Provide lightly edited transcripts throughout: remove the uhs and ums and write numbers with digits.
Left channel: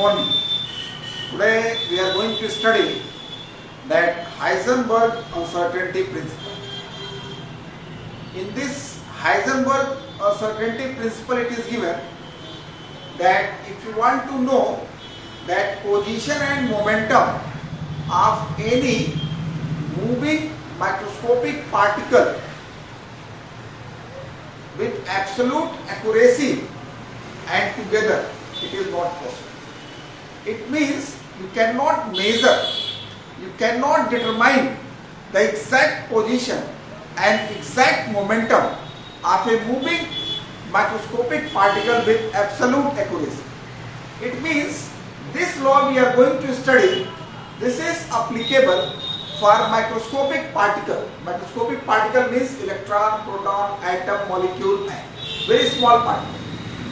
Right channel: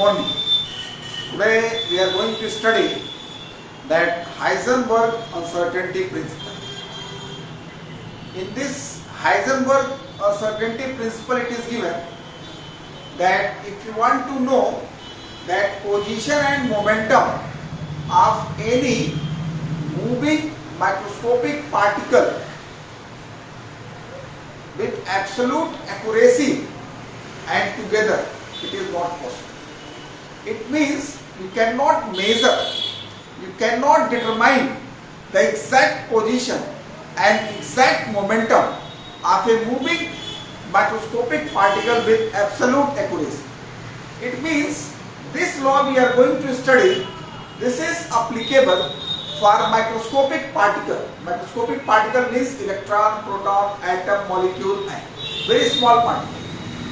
morning. Today we are going to study that Heisenberg uncertainty principle. In this Heisenberg uncertainty principle, it is given that if you want to know that position and momentum of any moving microscopic particle with absolute accuracy and together, it is not possible. It means you cannot measure, you cannot determine the exact position and exact momentum of a moving microscopic particle with absolute accuracy. It means this law we are going to study, this is applicable for microscopic particle. Microscopic particle means electron, proton, atom, molecule, very small particle.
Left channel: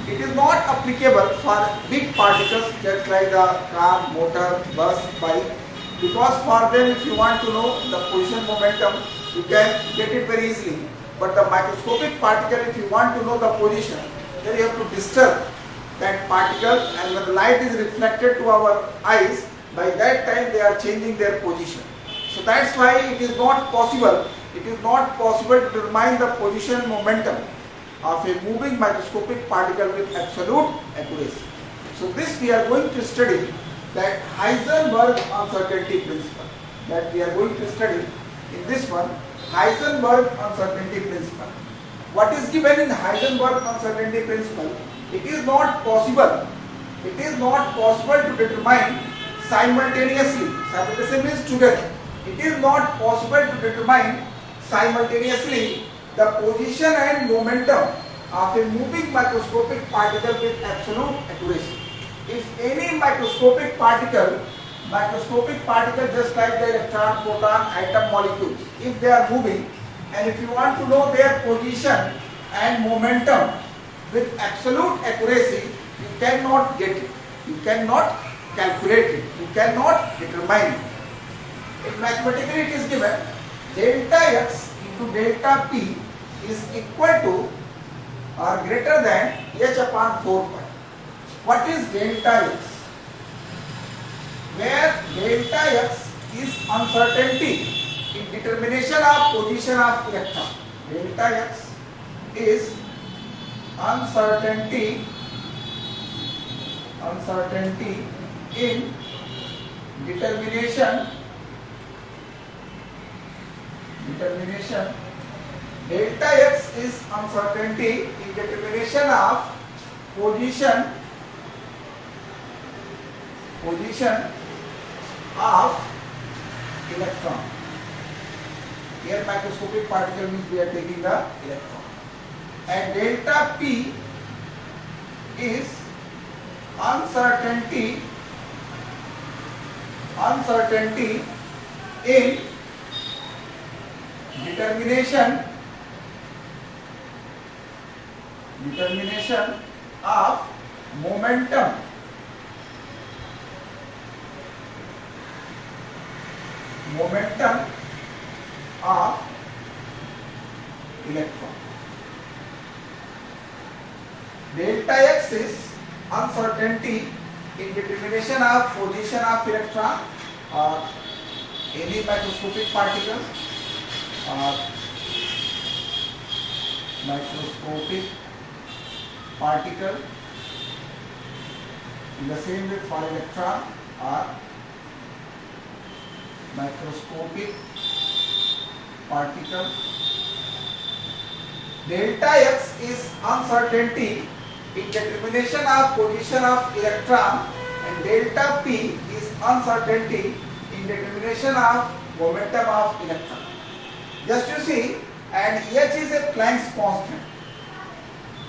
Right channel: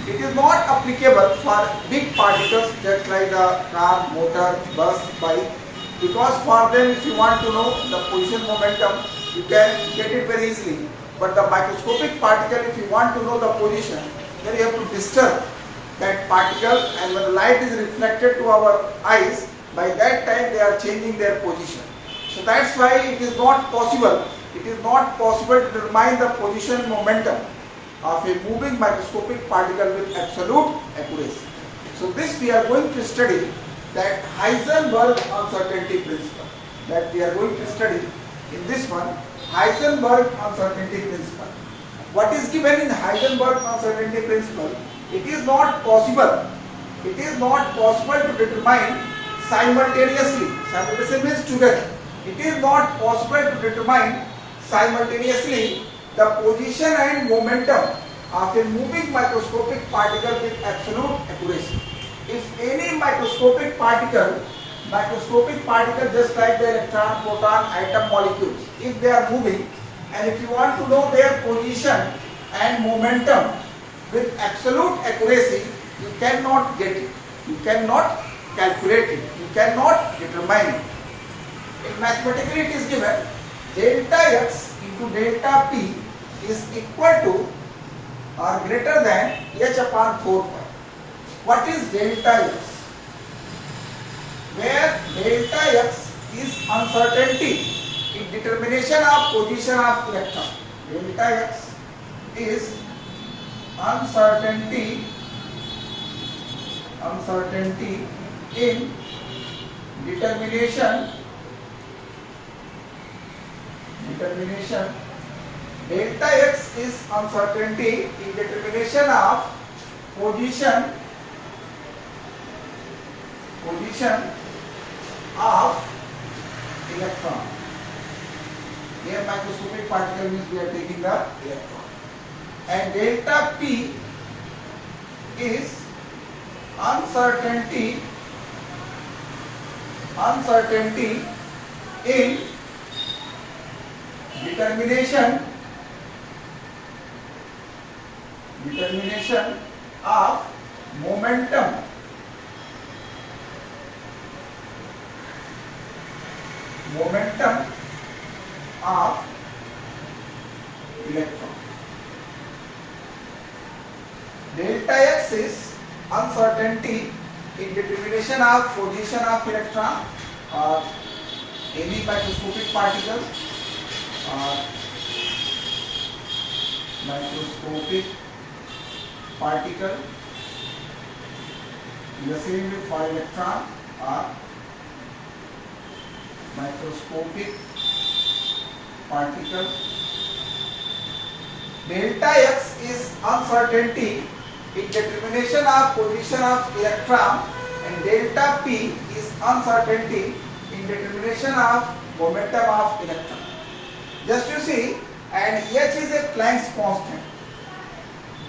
It is not applicable for big particles just like the car, motor, bus, bike, because for them if you want to know the position momentum, you can get it very easily. But the microscopic particle, if you want to know the position, then you have to disturb that particle, and when the light is reflected to our eyes, by that time they are changing their position. So that's why it is not possible. It is not possible to determine the position and momentum of a moving microscopic particle with absolute accuracy. So this we are going to study, that Heisenberg uncertainty principle, that we are going to study in this one, Heisenberg uncertainty principle. What is given in Heisenberg uncertainty principle? It is not possible to determine simultaneously. Simultaneously means together. It is not possible to determine simultaneously the position and momentum of a moving microscopic particle with absolute accuracy. If any microscopic particle just like the electron, proton, atom, molecules, if they are moving, and if you want to know their position and momentum with absolute accuracy, you cannot get it, you cannot calculate it, you cannot determine it. In mathematically it is given delta x into delta p is equal to or greater than h upon 4 pi. What is delta x? Where delta x is uncertainty in determination of position of electron. Delta x is uncertainty in determination. Delta x is uncertainty in determination of position of electron. Here microscopic particle means we are taking the electron. And delta p is uncertainty in determination of momentum of electron. Delta x is uncertainty in determination of position of electron or any microscopic particle in the same way for electron or microscopic particle. Delta x is uncertainty in determination of position of electron, and delta p is uncertainty in determination of momentum of electron. Just you see, and h is a Planck's constant.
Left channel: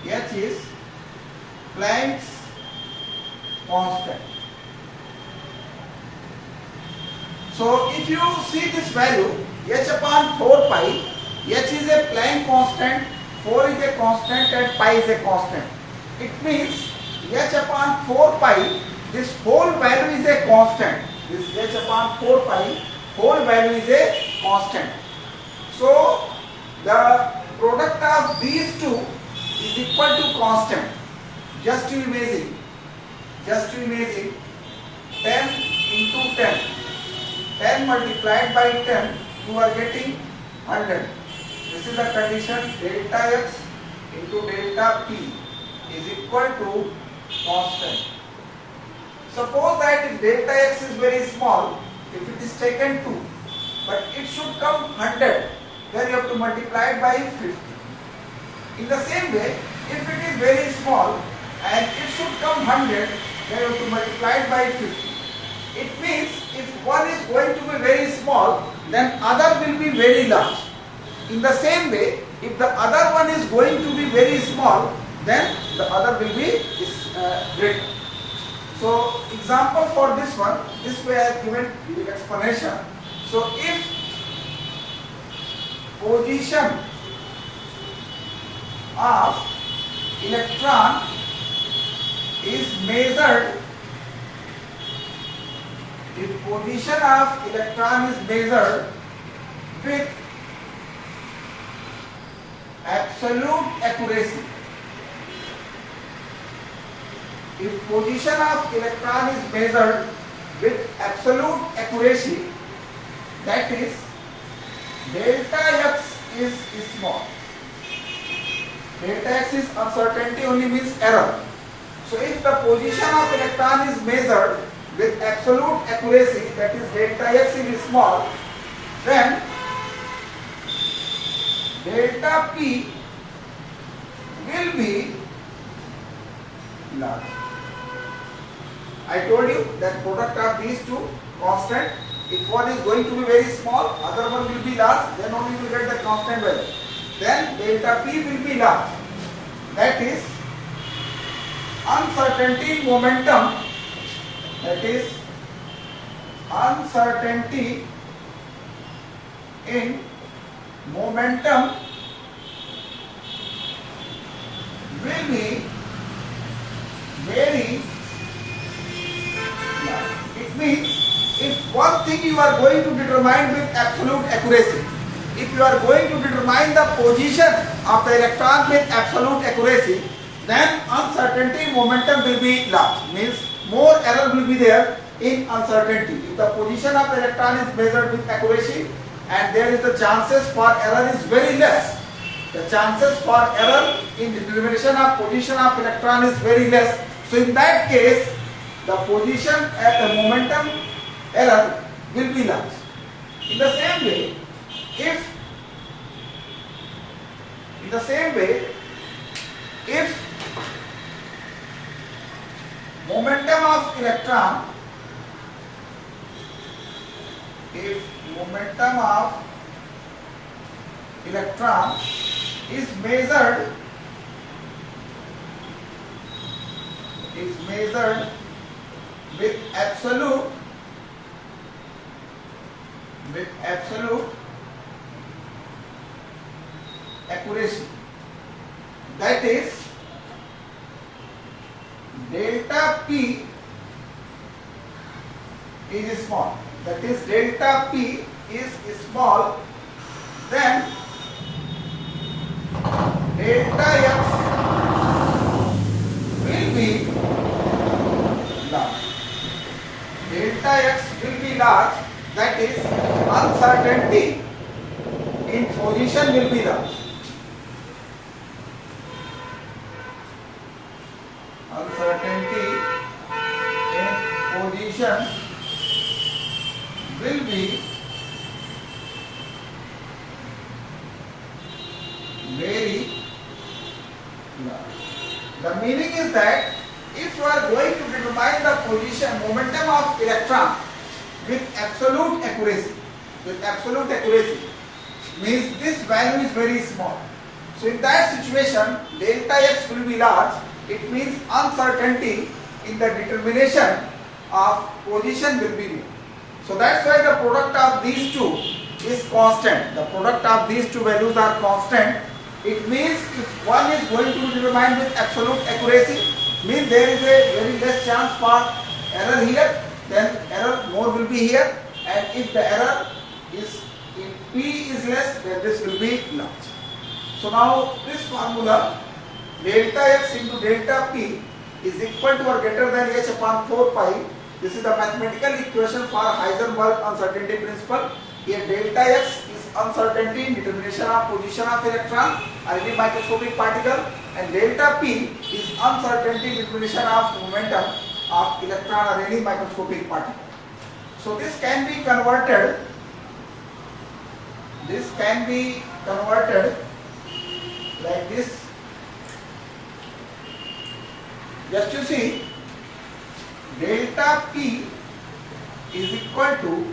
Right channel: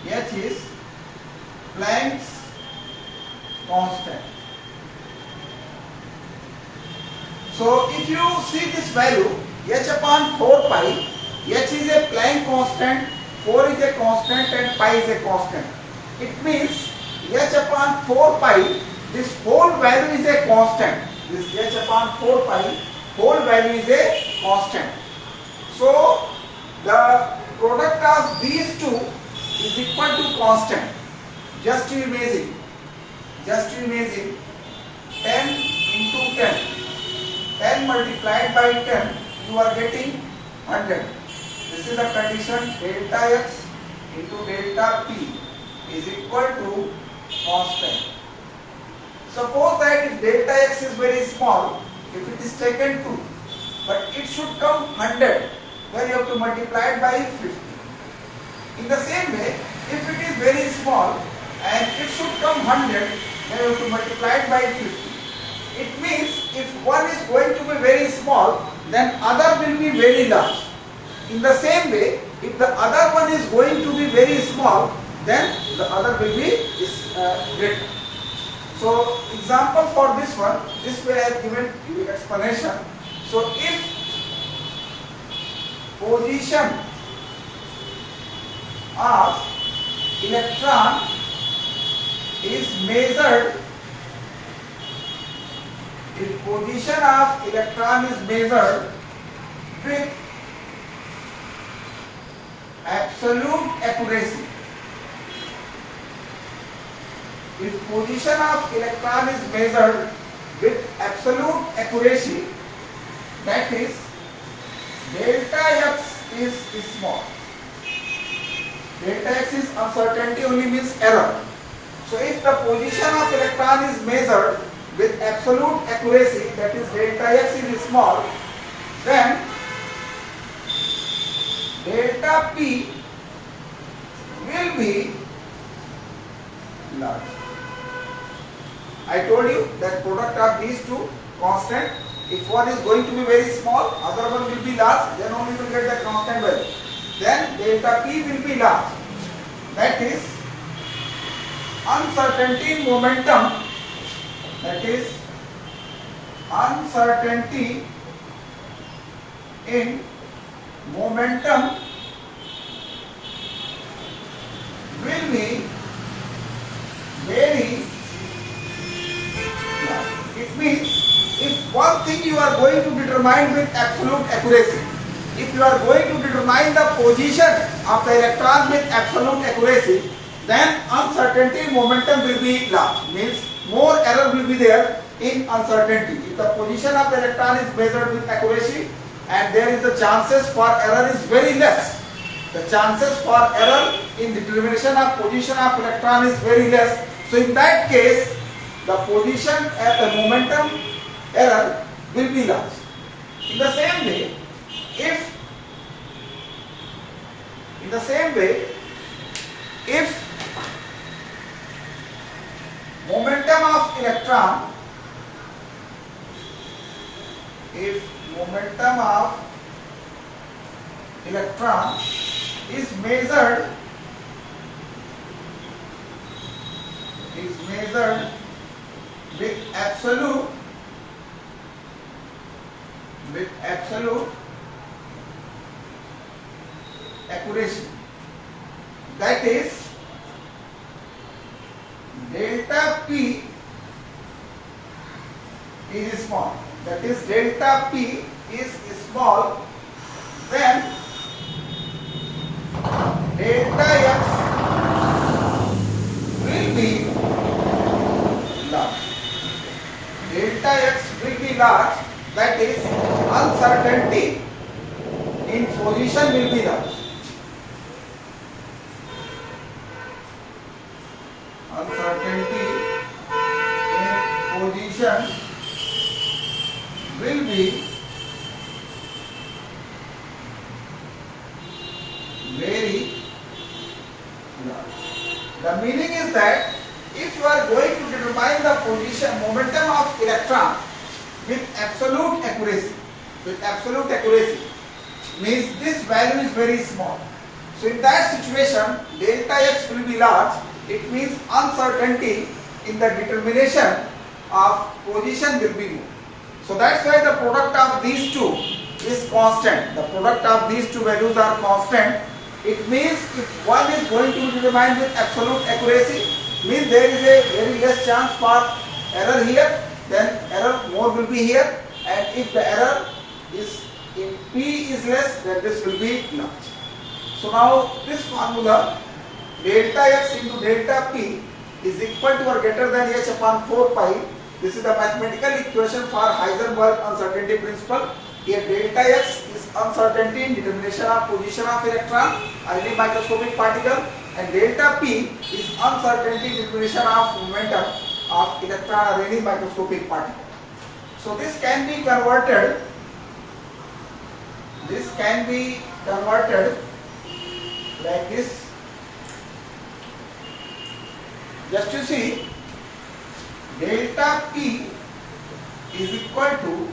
H is Planck's constant. So if you see this value, h upon 4 pi, h is a Planck constant, 4 is a constant and pi is a constant. It means h upon 4 pi, this whole value is a constant. This h upon 4 pi, whole value is a constant. So the product of these two is equal to constant. Just you imagine 10 into 10. 10 multiplied by 10, you are getting 100. This is the condition delta x into delta p is equal to constant. Suppose that if delta x is very small, if it is taken 2, but it should come 100, then you have to multiply it by 50. In the same way, if it is very small and it should come 100, then you have to multiply it by 50. It means if one is going to be very small, then other will be very large. In the same way, if the other one is going to be very small, then the other will be greater. So, example for this one, this way I have given the explanation. So, if position of electron is measured, if position of electron is measured with absolute accuracy, if position of electron is measured with absolute accuracy, that is delta x is small. Delta x is uncertainty, only means error. So if the position of electron is measured with absolute accuracy, that is delta x is small, then delta p will be large. I told you that product of these two constant, if one is going to be very small, other one will be large, then only you will get the constant value. Then delta p will be large. That is uncertainty in momentum, that is uncertainty in momentum will be very large. It means if one thing you are going to determine with absolute accuracy, if you are going to determine the position of the electron with absolute accuracy, then uncertainty in momentum will be large. Means more error will be there in uncertainty. If the position of the electron is measured with accuracy and there is the chances for error is very less. The chances for error in determination of position of electron is very less. So in that case, the position at the momentum error will be large. In the same way, if momentum of electron, is measured with absolute accuracy, that is delta p is small, that is delta p is small, then delta x will be large. Delta x will be large, that is uncertainty in position will be large. Uncertainty in position will be very large. The meaning is that if you are going to determine the position, momentum of electron with absolute accuracy, means this value is very small. So in that situation, delta x will be large. It means uncertainty in the determination of position will be more. So that's why the product of these two is constant. The product of these two values are constant. It means if one is going to be determined with absolute accuracy, means there is a very less chance for error here, then error more will be here, and if the error is in P is less, then this will be large. So now this formula delta x into delta p is equal to or greater than h upon 4 pi This is the mathematical equation for Heisenberg uncertainty principle. Here delta x is uncertainty in determination of position of electron or any microscopic particle, and delta p is uncertainty in determination of momentum of electron or any microscopic particle. So this can be converted. This can be converted like this. Just to see, delta p is equal to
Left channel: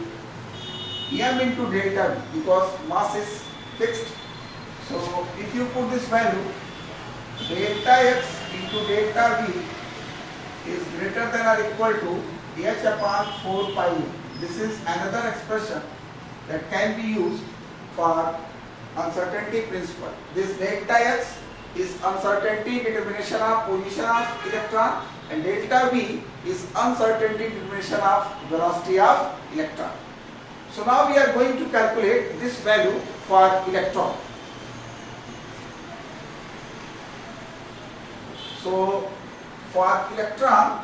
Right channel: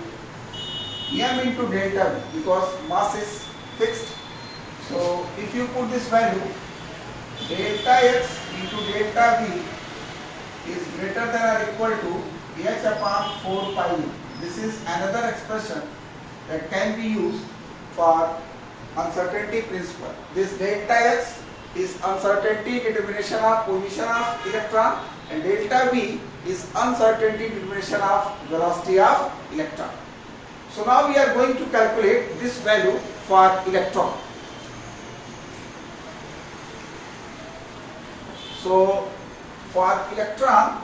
m into delta v, because mass is fixed. So if you put this value, delta x into delta v is greater than or equal to h upon 4 pi u. This is another expression that can be used for uncertainty principle. This delta x is uncertainty determination of position of electron, and delta v is uncertainty determination of velocity of electron. So now we are going to calculate this value for electron. So for electron,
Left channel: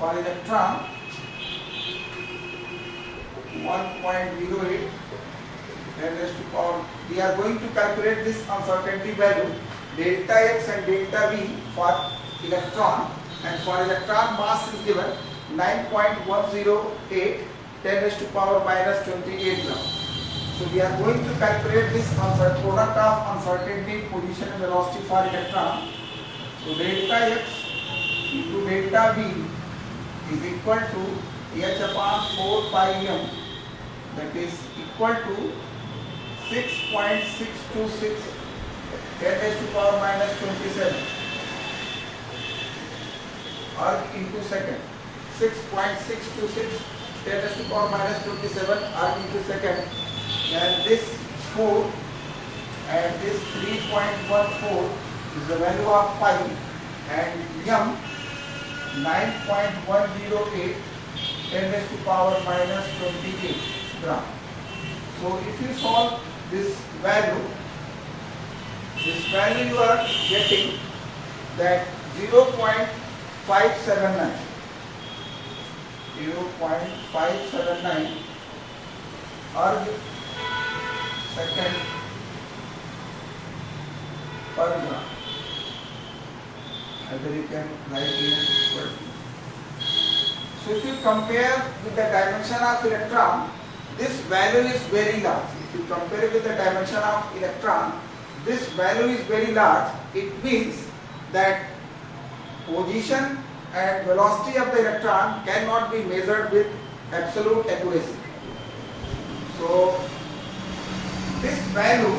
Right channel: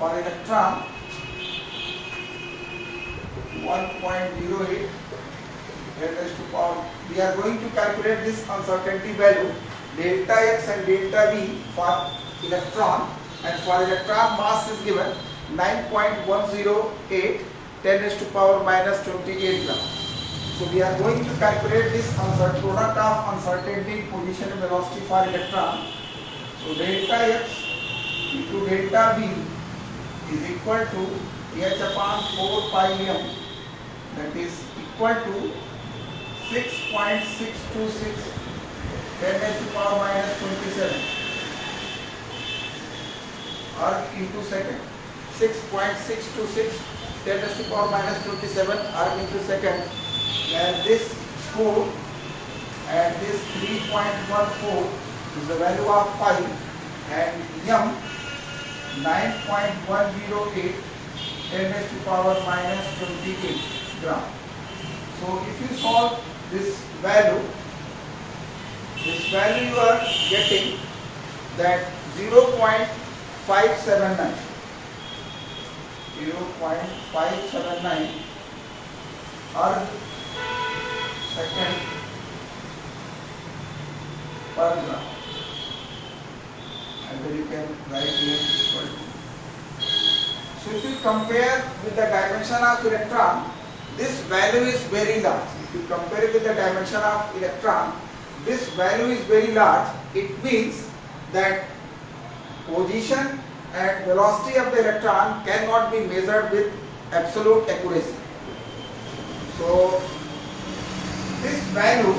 1.08 we are going to calculate this uncertainty value delta x and delta v for electron, and for electron mass is given 9.108 10 raised to power minus 28 gram. So we are going to calculate this product of uncertainty, position and velocity for electron. So delta x into delta v is equal to h upon 4 pi m, that is equal to 6.626 10 raised to power minus 27 arc into second. 6.626 10 raised to power minus 27 arc into second, and this 4 and this 3.14 is the value of pi, and m 9.108 10 raised to power minus 28 gram. So if you solve this value you are getting that 0.579 arc second per gram. And then you can write here equal to. So if you compare with the dimension of electron, this value is very large. If you compare it with the dimension of electron, this value is very large. It means that position and velocity of the electron cannot be measured with absolute accuracy. So this value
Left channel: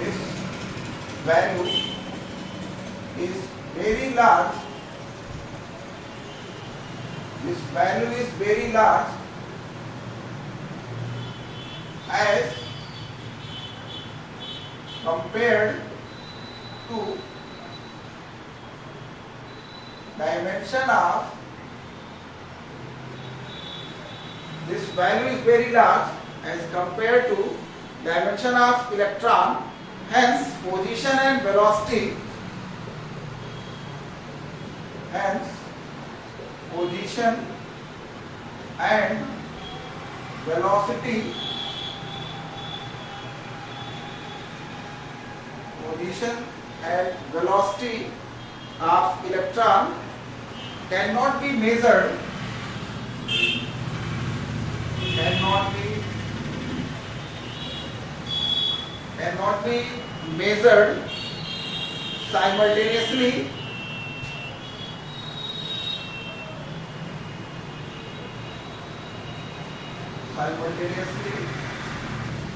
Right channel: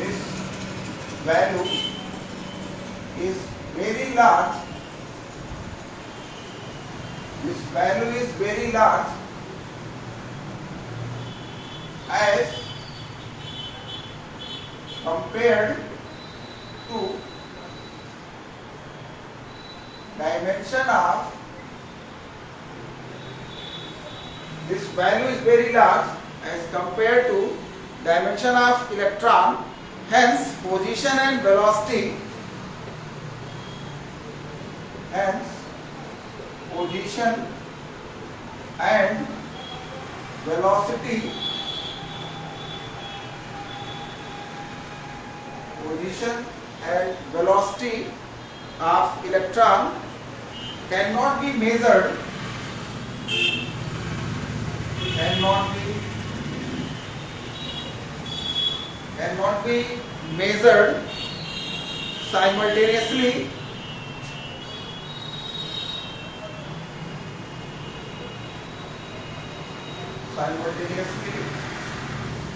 is very large. This value is very large as compared to dimension of, this value is very large as compared to dimension of electron. Hence position and velocity, position and velocity of electron cannot be measured, simultaneously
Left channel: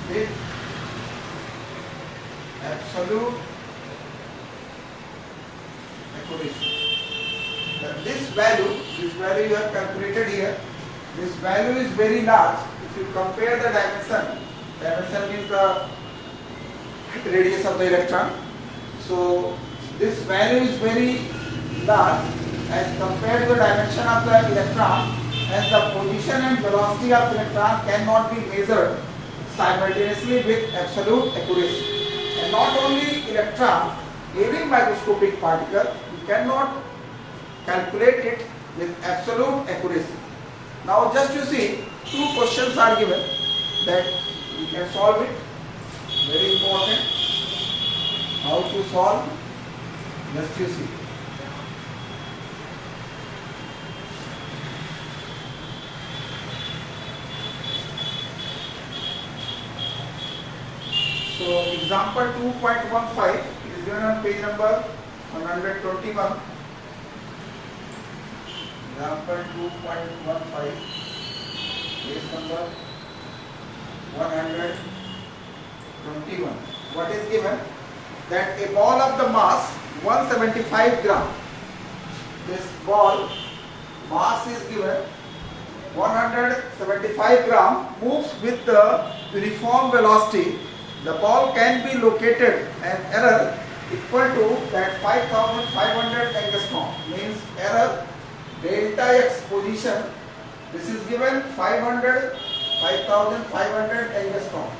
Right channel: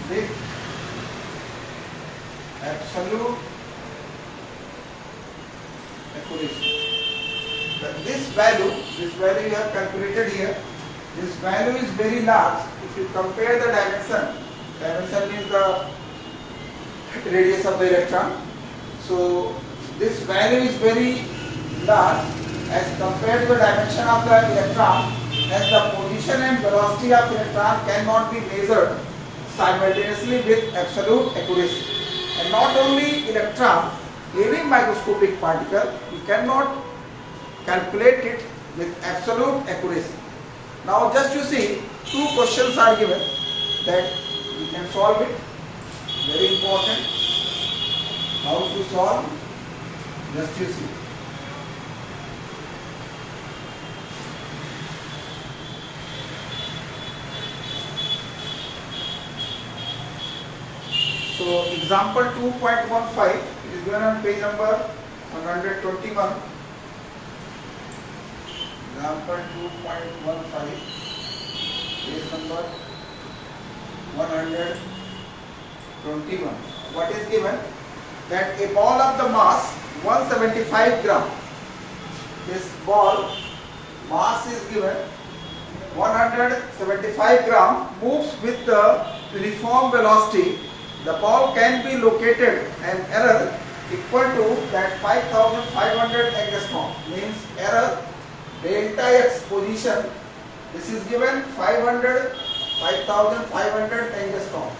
with absolute accuracy. This value you have calculated here, this value is very large. If you compare the dimension means the radius of the electron. So this value is very large as compared to the dimension of the electron, as the position and velocity of electron cannot be measured simultaneously with absolute accuracy. And not only electron, any microscopic particle, we cannot calculate it with absolute accuracy. Now just you see, two questions are given that you can solve it. Very important. How to solve? Just you see. So example 2.15 is given on page number 121. Example 2.15, page number 121. What is given? That a ball of the mass 175 gram. This ball mass is given 175 gram, moves with the uniform velocity. The ball can be located an error equal to that 5500 angstrom, means error delta x position. This is given 5500 angstrom.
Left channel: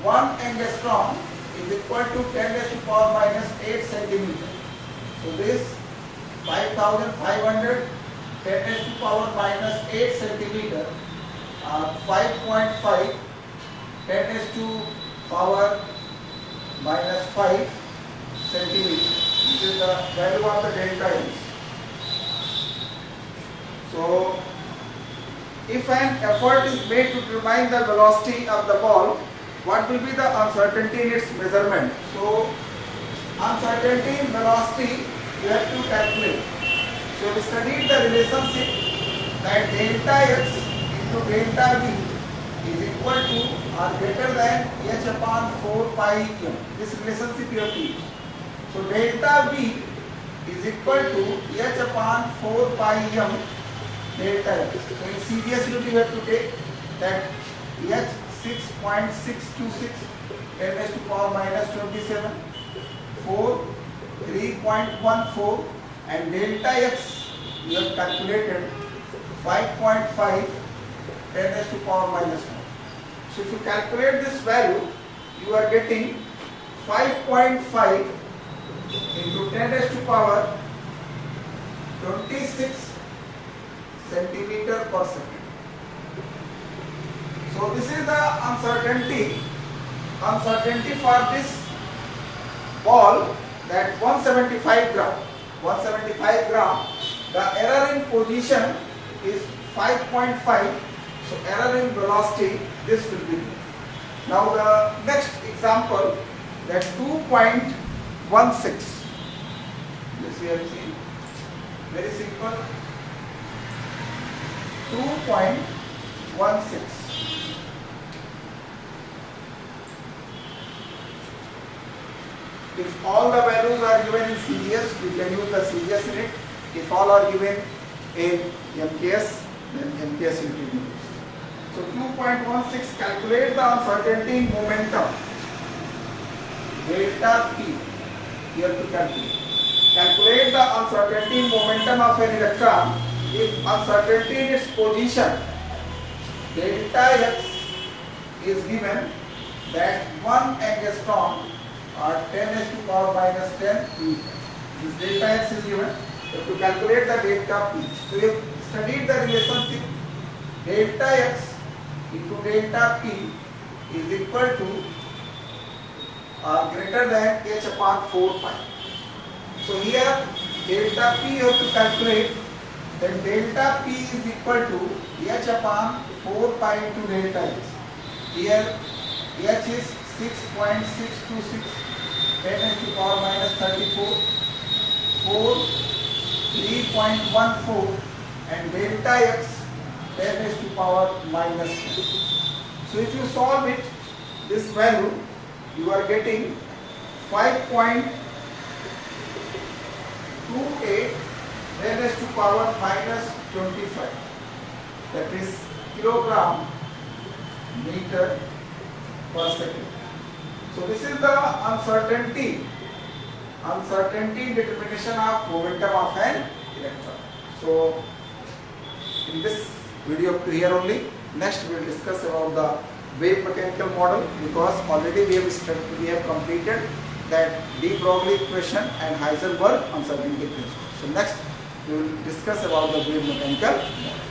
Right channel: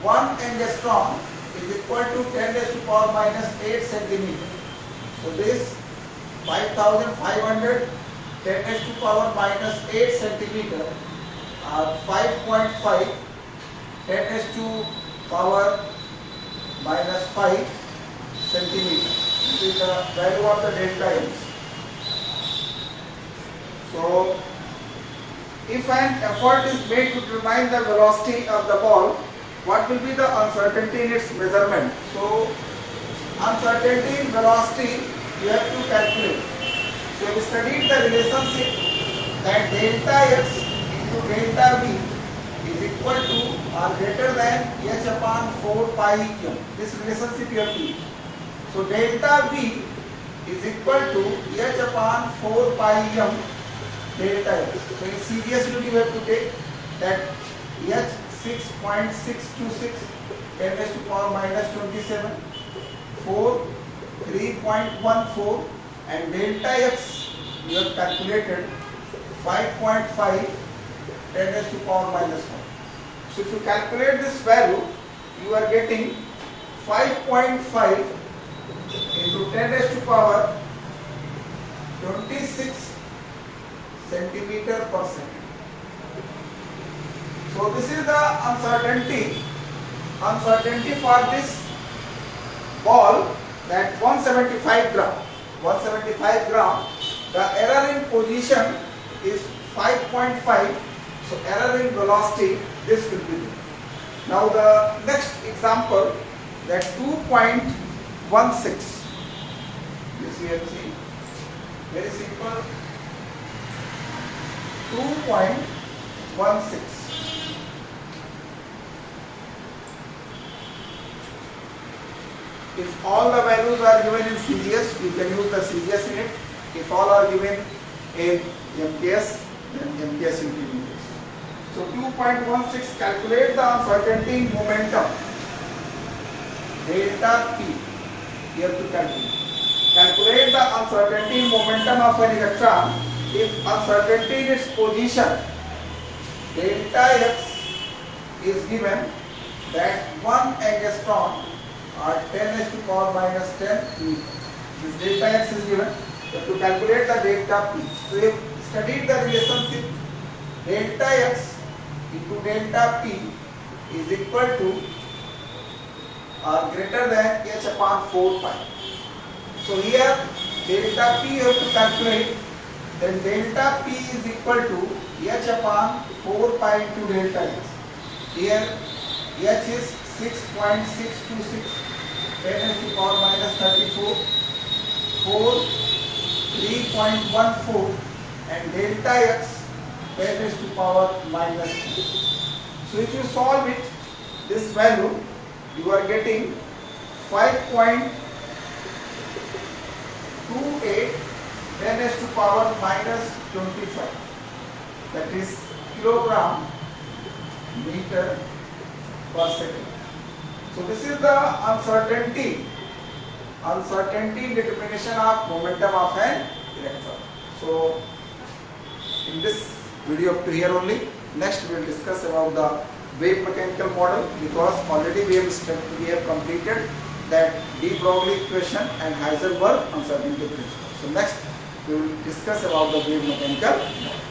1 angstrom is equal to 10 raised to power minus 8 centimeter. So this 5500 10 raised to power minus 8 centimeter, 5.5 10 raised to power minus 5 centimeter. This is the value of the delta x. So if an effort is made to determine the velocity of the ball, what will be the uncertainty in its measurement? So uncertainty in velocity you have to calculate. So we studied the relationship that delta x into delta v is equal to or greater than h upon 4 pi m. This relationship you have to use. So delta v is equal to h upon 4 pi m delta x. So in CGS unit you have to take that h 6.626 10 raised to power minus 27, 4 3.14, and delta x you have calculated 5.5 10 raised to power minus 1. So if you calculate this value, you are getting 5.5 into 10 raised to power 26 centimeter per second. So this is the uncertainty for this ball, that 175 gram. 175 gram. The error in position is 5.5. So error in velocity, this will be. Now the next example, that 2.16. This we have seen. Very simple. 2.16. If all the values are given in CGS, you can use the CGS unit. If all are given in MKS, then MKS unit. So 2.16, calculate the uncertainty momentum delta P. You have to calculate. Calculate the uncertainty momentum of an electron if uncertainty in its position delta x is given that 1 angstrom or 10 raised to power minus 10 meter. This delta x is given. So to calculate the delta P. So we have studied the relationship delta x into delta P is equal to or greater than h upon 4 pi. So here delta P you have to calculate, then delta P is equal to h upon 4 pi into delta x. Here h is 6.626 10 raised to power minus 34, 4 3.14, and delta x 10 raised to power minus 2. So if you solve it, this value you are getting 5.28 10 raised to power minus 25. That is kilogram meter per second. So this is the uncertainty determination of momentum of an electron. So in this video up to here only. Next we will discuss about the wave mechanical model, because already we have completed that de Broglie equation and Heisenberg uncertainty principle. So next we will discuss about the wave mechanical model.